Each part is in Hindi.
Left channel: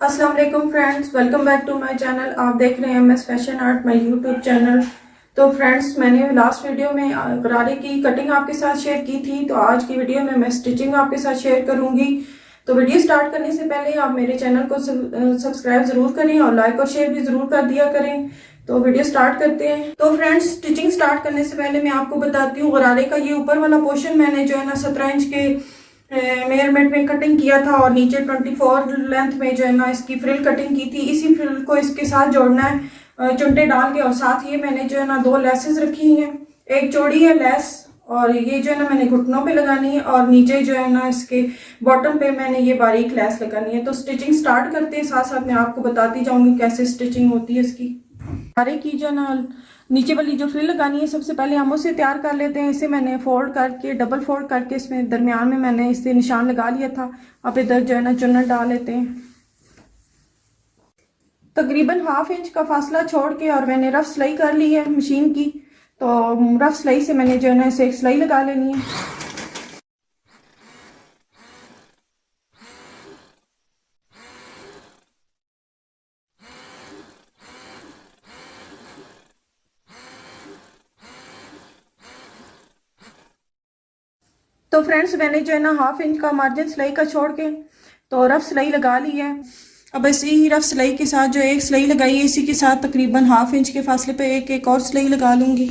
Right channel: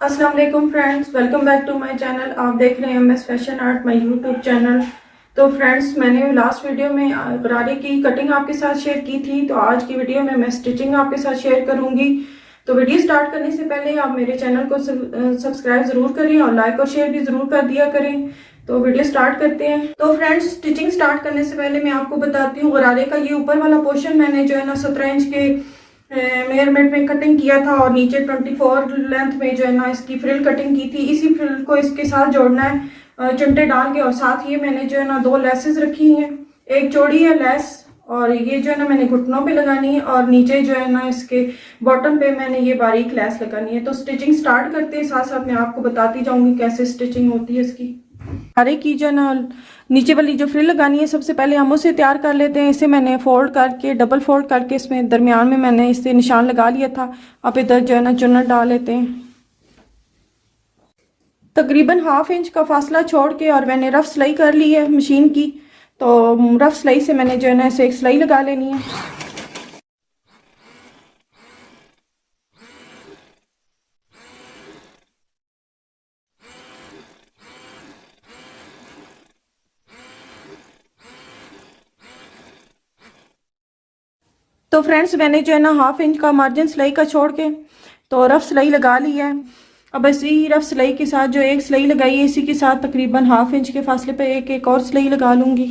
अस्सलाम वालेकुम friends, welcome back to my channel. आप देख रहे हैं MS fashion art my YouTube channel. तो फ्रेंड्स, मैंने लास्ट वीडियो में गरारे की कटिंग आपके साथ शेयर की थी, तो आज की वीडियो में मैं स्टिचिंग आपके साथ शेयर करूंगी। तो वीडियो स्टार्ट करने से पहले आप मेरे चैनल को सब्सक्राइब ज़रूर करें और लाइक और शेयर भी ज़रूर कर दिया करें। तो वीडियो स्टार्ट करते हैं। तो फ्रेंड्स, स्टिचिंग स्टार्ट करने से पहले मैं आपको बताती हूँ, गरारे का ये ऊपर वाला पोर्शन मैंने जो है ना 17 इंच के मेजरमेंट में कटिंग किया था और नीचे 24 लेंथ में जो है ना इसकी फ्रिल कटिंग की थी। इसी फ्रिल को इसके साथ जोड़ना है चुनटे डाल के, और साथ ये मैंने जो है ना 2 लेसेस रखी हैं। एक चौड़ी है लेस, और ये जो है ना मैंने घुटनों पे लगानी है, और नीचे जो है ना इसके बॉटम पे मैंने ये बारीक लेस लगानी है। तो स्टिचिंग स्टार्ट करते हैं, साथ साथ मैं आपको बताती जाऊंगी कैसे स्टिचिंग होती है इसकी। सारे की जो ना नीचे वाली जो फ्रिल लगानी है, सबसे पहले हम उसे तैयार कर लेते हैं। इसे मैंने फोल्ड करके डबल फोल्ड करके इसमें दरमियान में मैंने इससे निशान लगा लिया था। अब इधर जो है ना चुन्नट डाल लेते हैं। तकरीबन ½ इंच का फासला छोड़ के और मैंने रफ सिलाई कर ली है मशीन की। तो रफ सिलाई से मैंने जो है ना इसे एक सिलाई लगा लेनी है। तो फ्रेंड्स, मैंने जो है ना ½ इंच का मार्जिन सिलाई का छोड़ के तो रफ सिलाई लगा ली है। अब ऐसे ही रफ सिलाई के साथ जो एक सिलाई लगाई है, इसी के साथ तकरीबन ½ इंच के फासले पे एक और सिलाई लगा लूंगी।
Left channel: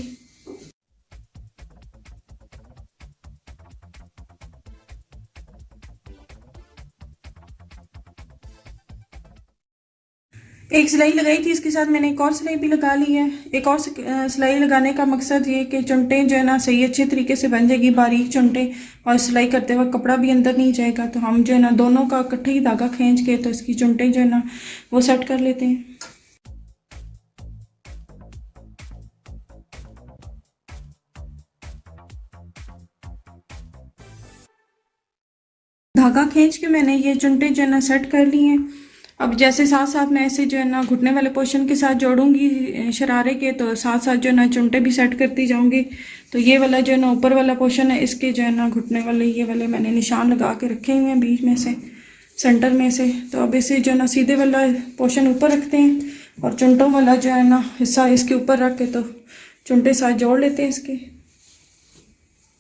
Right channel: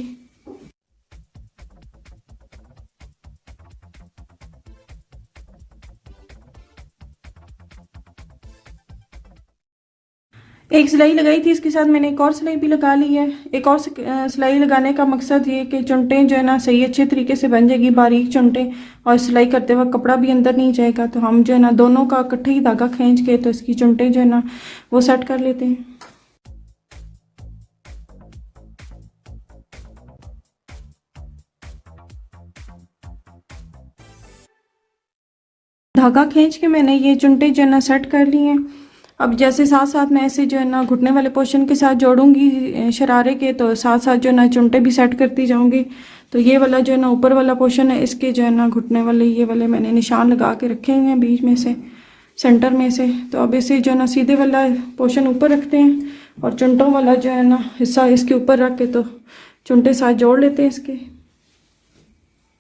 एक सिलाई लगाई थी, इसके साथ मैंने एक और सिलाई भी लगा ली है। एक और सिलाई लगाने का मकसद ये कि चुनटें जो है ना सही अच्छे तरीके से बन जाएगी, बारीक चुनटें, और सिलाई करते वक्त कपड़ा भी अंदर नहीं जाएगा। तो हम जो है ना दोनों का इकट्ठे ही धागा खींच के तो इसकी चुनटें जो है ना वो सेट कर लेते हैं। धागा खींच के मैंने ये चुनटें जो है ना सेट कर ली हैं। अब जैसे साथ साथ मैं ऐसे जो है ना घुटने वाले पोर्शन के साथ जोड़ूंगी शरारे के, तो साथ साथ जो है ना चुनटे भी सेट करती जाऊंगी। तो ये वाला जो है ना ऊपर वाला पोर्शन है, इसके जो है ना घुटने वाले ये वाले मैंने निशान लगा के रखे हुए हैं बीच में से, सेंटर में से। तो अब इसे जो है ना सीधे वाला पोर्शन ऊपर रखते हैं और चुनटों वाला जो है ना हिस्सा इसके ऊपर रख के तो चुनटे साथ जोड़ लेते हैं इसके।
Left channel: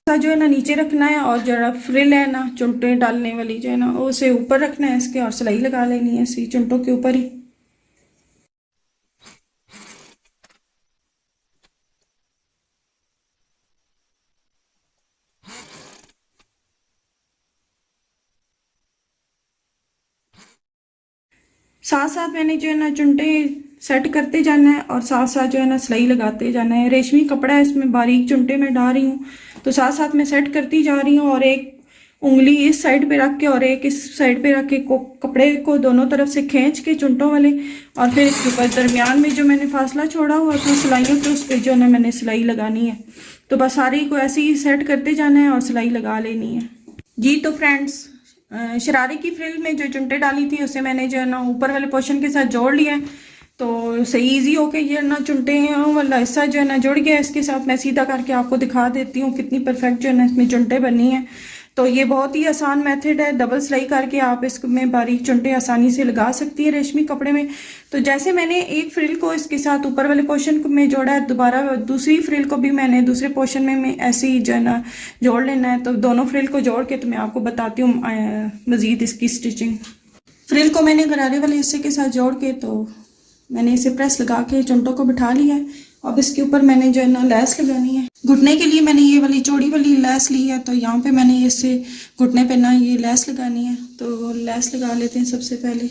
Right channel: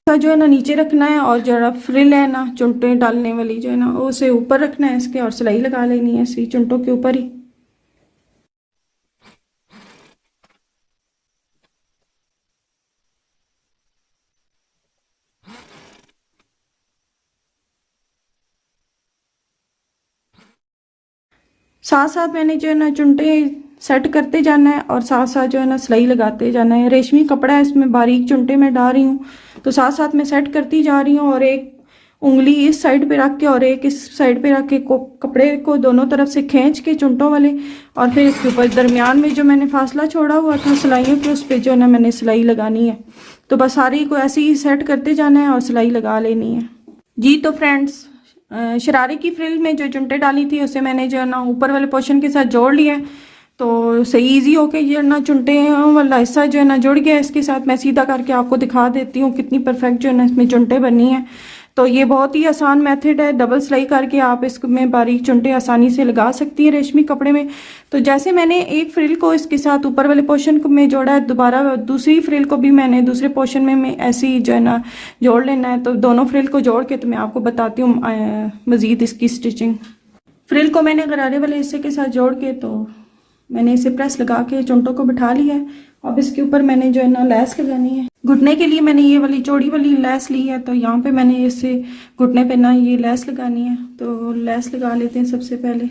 जो है ना नीचे रखना है, और जरा फ्रिल है ना चुनटे डालने वाली जो है ना उसे ऊपर रखना है इसके, और सिलाई लगा लेनी है इसी चुनटों के ऊपर ही। साथ साथ मैंने जो है ना चुनटे सेट करते जाना है, और साथ साथ जो है ना सिलाई लगाते जाना है। रेशमी कपड़ा है, इसमें बारीक चुनटे में डाल रही हूँ, तो साथ साथ मैं सेट करती जा रही हूँ। और एक उंगली इस साइड पे रख के और एक इस साइड पे रख के कपड़े को दोनों तरफ से खींच के चुनटों वाले, और फिर इसके ऊपर दरमियान में जो मैंने फासला छोड़ा हुआ था सिलाइयों को, उस पर जो ना मैंने सिलाई लगानी है। तो बस सारी को ऐसे ही सेट करते जाना है और सिलाई लगा लेनी है जी। तो फ्रेंड्स, शरारे की फ्रिल में जो चुनटे डाली थी उसे मैंने जो है ना ऊपर वाले पोर्शन के साथ जोड़ लिया है। तो सही इजी होके ये ना चुनटे वाला हिस्सा जो है ना जुड़ गया। इसके साथ मैं सीधा करके आपको दिखा देती हूँ कितनी परफेक्ट जो है ना इसमें चुनटे बनी है। तो ये बहुत ही आसान मेथड है, डबल सिलाई करके आप इसमें बारीक चुनटे आसानी से लगा सकती है रेशमी कपड़े में। तो जैसे मैंने एक फ्रिल को इसके साथ ऊपर वाले पोर्शन में जोड़ा है, दोबारा दूसरी फ्रिल को भी मैंने दूसरे पोर्शन में ऐसे ही जो है ना जोड़ लेना है। तो दोनों फ्रिल को जोड़ के तो मैं आपको बताती हूँ मज़ीद इसकी स्टिचिंग। फ्रिल को मैंने गरारे वाले हिस्से के साथ जोड़ के तो मैंने इसे प्रेस लगा के चुनटों को बिठा लिया है। अब इसके ऊपर मैंने जो है ना लैस लगानी है। घुटने के लिए मैंने ये वाली चौड़ी वाली लैस ली है, तो यहाँ पे मैंने इससे घुटने पे ना ये लैस लगानी है। तो लैस लगा लेते हैं। सबसे पहले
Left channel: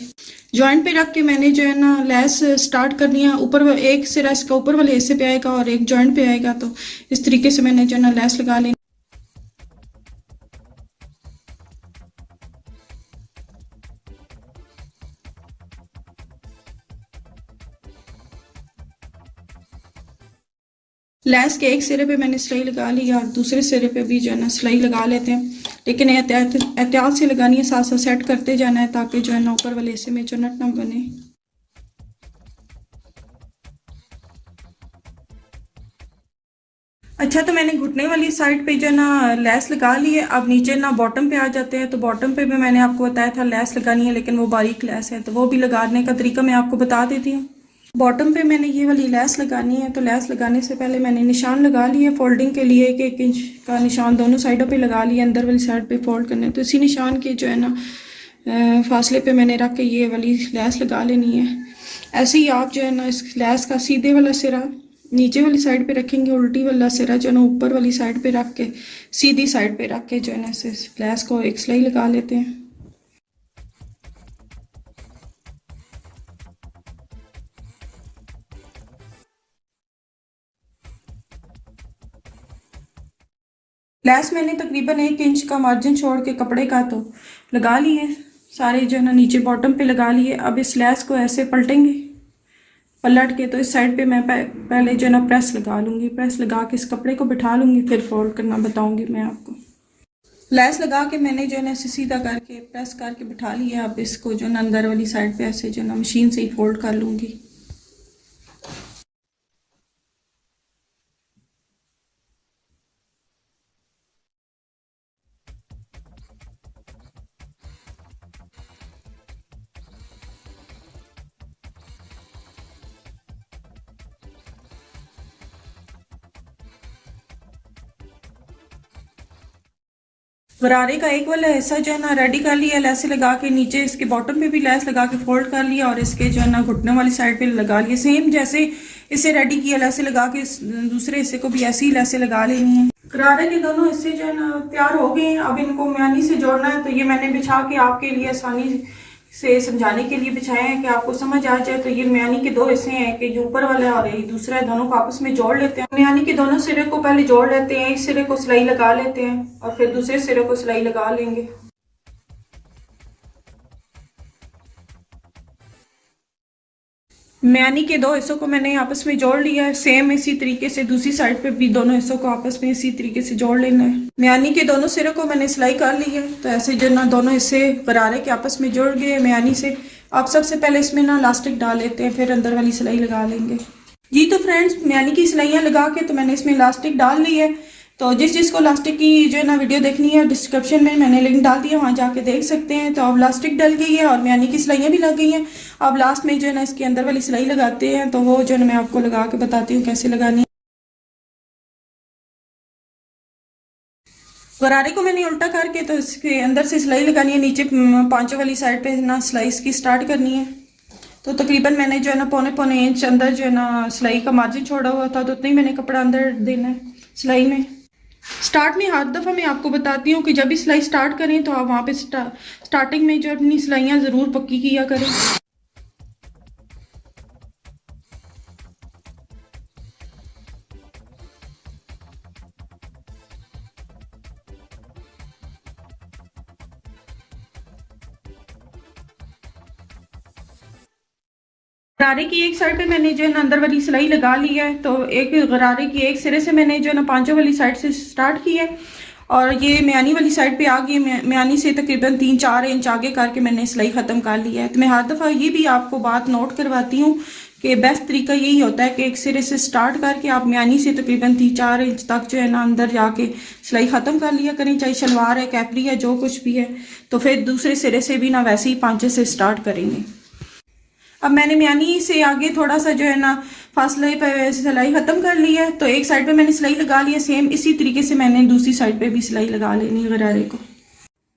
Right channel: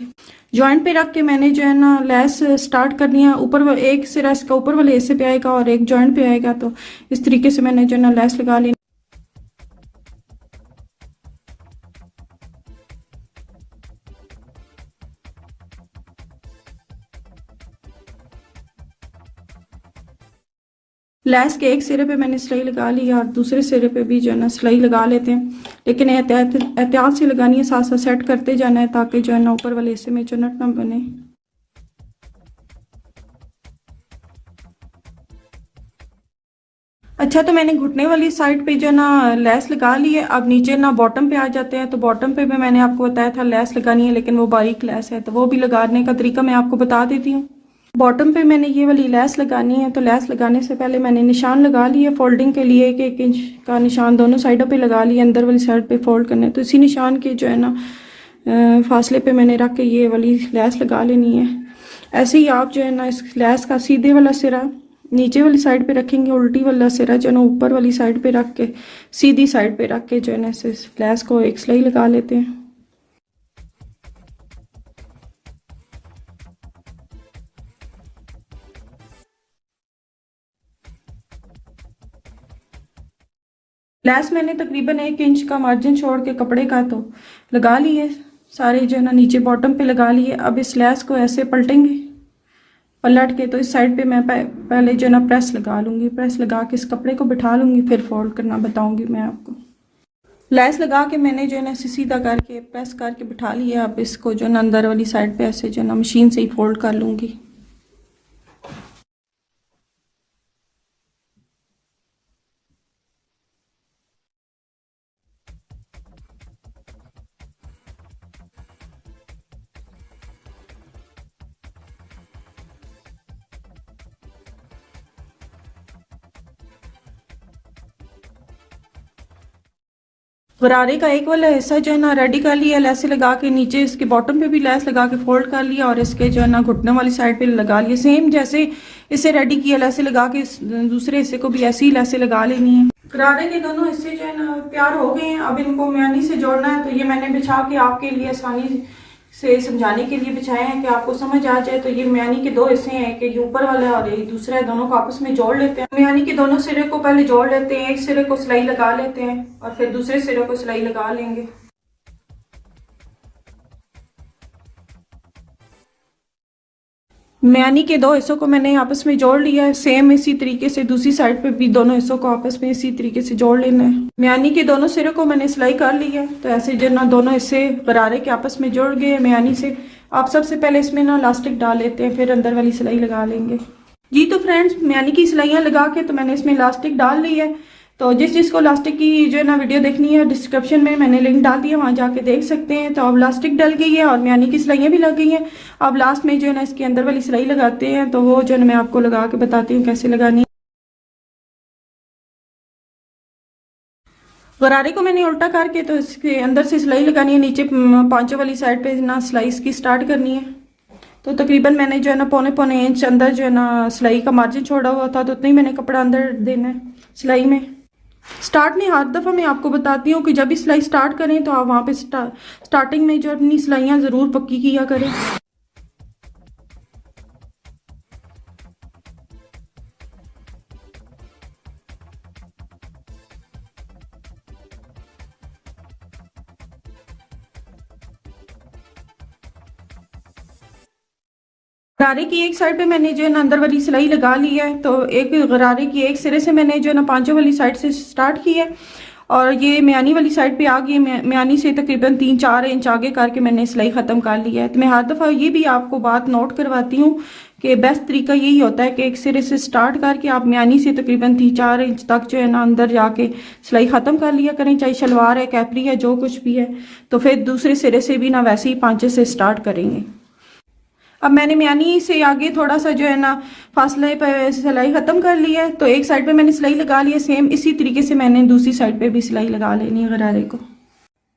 जॉइंट पे रख के मैंने जो है ना लैस स्टार्ट करनी है। ऊपर एक सिरा इसका ऊपर वाले हिस्से पे आएगा और एक जॉइंट पे आएगा, तो इस तरीके से मैंने जो है ना लैस लगा लेनी। लैस के एक सिरे पे मैंने सिलाई लगा ली और दूसरे सिरे पे भी जो है ना सिलाई लगा लेते हैं, लेकिन एहतियात से लगानी है, साथ साथ सेट करते जाना है ताकि जो है ना ऊपर वाले हिस्से में चुनट ना बने। अच्छा, तो मैंने घुटने वाली साइड पे जो ना लेस लगा ली है। अब नीचे ना बॉटम पे आ जाते हैं। तो बॉटम पे भी मैंने आपको बताया था लेस लगानी है, लेकिन वो बारीक लेस है, तो वो भी लगाने का तरीका मैं आपको बता देती हूँ। बॉटम पे मैंने ये वाली लेस लगानी है। तो लेस लगाने से पहले मैंने निशान लगा लिया फोल्डिंग के लिए, 1 इंच का निशान दोनों साइडों पे लगा लिया। अंदर वाली साइड पे फोल्ड करना है, तो इसी निशान के जो है ना फासले पे मैंने रख के ये वाली लेस लगा लेनी है। ऐसे ही आप जो है ना इस लेस का सीधे वाला सिरा नीचे वाली साइड पे रखेंगे, उल्टी वाला सिरा जो है ना ऊपर वाली साइड पे रख के सीधी साइड पे रख के जो है ना इस लेस को एक सिलाई लगा लेते हैं। लेस मैंने तकरीबन 1 इंच का मार्जिन छोड़ के कपड़े का तो लगा लिए सारे जो है ना नीचे बॉटम पे लगा लिए। अब इस लेस को ऐसे पलटेंगे, पलट के तो इस साइड पे मैं पहले जो है ना प्रेस लगा लूँगी। प्रेस लगा के इस कपड़े को बिठा लूँगी, फिर फोल्ड करना बताऊँगी मैं आपको। लेस लगा के मैंने जो है ना इसे सीधा करके प्रेस करके बिठा लिया। अब इसको जो है ना अंदर वाली साइड पे ऐसे जो है ना मशीन से ही फोल्ड कर लूँगी। गरारे का एक वाला हिस्सा जो है ना रेडी कर लिया, लेस लगा के नीचे इसके बॉटम पे भी लेस लगा के फोल्ड कर लिया और इसके जो है ना घुटनों वाली साइड पे लगा लिया। सेम जैसे इसे रेडी किया लेस लगा के दूसरे हिस्से को भी ऐसे ही लेस लगा लेनी है। गरारे के दोनों हिस्से जो है ना तैयार हो गए हैं। अब इनको म्यानी से जोड़ना है। तो ये मैंने बिछा के आपके लिए आसानी से समझाने के लिए बिछाए हैं कि आपको समझ आ जाए। तो ये म्यानी के 2 हिस्से हैं, कि ये ऊपर वाला है और ये दूसरा है। दोनों को आपस में जोड़ लेते हैं। म्यानी के दोनों सिरे को पहले जोड़ लेते हैं, एक सिरे को सिलाई लगा लेते हैं और फिर दूसरे सिरे को सिलाई लगा लेंगे। म्यानी के 2 हिस्सों को मैंने आपस में जोड़ लिया है। सेम इसी तरीके से दूसरी साइड पे भी दोनों हिस्सों को आपस में इसी तरीके से जोड़ लेना है। म्यानी के दोनों सिरे को मैंने सिलाई कर ली है। तो ऐसे जो ना दोनों हिस्से गरारे के आपस में जोड़ गए म्यानी से। आप सबसे पहले इसमें ना इलास्टिक डाल लेते हैं, फिर अंदर वाली सिलाई लगा लेंगे। जी तो फ्रेंड्स, म्यानी की सिलाइयाँ लगा के तो मैंने इसमें इलास्टिक डाल ली है। तो जिस चीज़ को इलास्टिक की जो है ना वीडियो देखनी है, डिस्क्रिप्शन में मैंने लिंक डाल दिया, वहाँ जाके देख सकते हैं। तो अब इलास्टिक डल गई है और म्यानी की सिलाइयाँ भी लग गई हैं। अब लास्ट में जो है ना इसके अंदर वाली सिलाई लगाते हैं। तो वो जो है ना मैं आपको लगा के बताती हूँ कैसे लगानी है। गरारे को मैंने उल्टा करके तो इसके अंदर से सिलाई लगानी है। नीचे पांचों वाली साइड पे ना सिलाई इसकी स्टार्ट करनी है। तो तकरीबन मैंने जो है ना पौने पौने इंच अंदर जो है ना सिलाई का मार्जिन छोड़ा हुआ था, तो उतना ही मैंने कपड़ा अंदर देना है सिलाई में। स्टार्ट में हर दफ़ा मैं आपको बताती हूँ कि जब भी सिलाई स्टार्ट करें तो आप वहाँ पे स्टार्टिंग में जो अपनी सिलाइयाँ ज़रूर पक्की किया करें। गरारे की एक साइड पे मैंने जो है ना अंदर वाली सिलाई लगा ली है। तो एक गरारे की एक सिरे से मैंने जो है ना पांचों वाली साइड से स्टार्ट की है और ये म्यानी वाली साइड पे आ गई। म्यानी से तकरीबन 3-4 इंच आगे करके मैंने सिलाई ख़त्म कर ली है। तो मैं हर दफ़ा ये भी आपको बात नोट करवाती हूँ कि बेस्ट तरीका यही होता है कि एक सिरे से स्टार्ट करके आप म्यानी से तकरीबन 3-4 इंच तक जो है ना अंदर जाके सिलाई ख़त्म कर लिया करें, चाहे शलवार है, कैपरी है, जो कुछ भी है। तो फिर दूसरे सिरे से भी ना वैसे ही पांचे से स्टार्ट करेंगे। अब मैंने म्यानी से आगे थोड़ा सा जो है ना फासले पे सिलाई ख़त्म कर ली है। तो एक साइड पे मैंने सिलाई लगा ली है। सेम इसी तरीके से मैंने दूसरी साइड पे भी सिलाई लगा लेनी है गरारे को।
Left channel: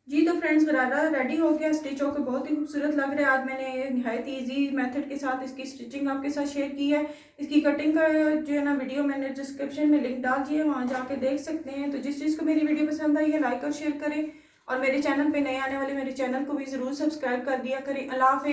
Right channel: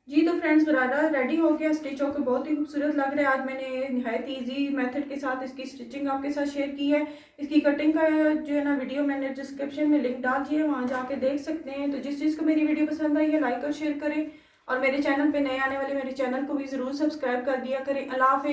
जी तो फ्रेंड्स, गरारा रेडी हो गया, स्टिच होकर बहुत ही खूबसूरत लग रहा है। आज मैंने नहायत ईजी मेथड के साथ इसकी स्टिचिंग आपके साथ शेयर की है। इसकी कटिंग का जो है ना वीडियो मैंने डिस्क्रिप्शन में लिंक डाल दिया है, वहाँ जाके देख सकते हैं। तो जिस चीज़ को मेरी वीडियो पसंद आई है लाइक और शेयर करें और मेरे चैनल पे नए आने वाले मेरे चैनल को भी ज़रूर सब्सक्राइब कर दिया करें। अल्लाह हाफ़िज़।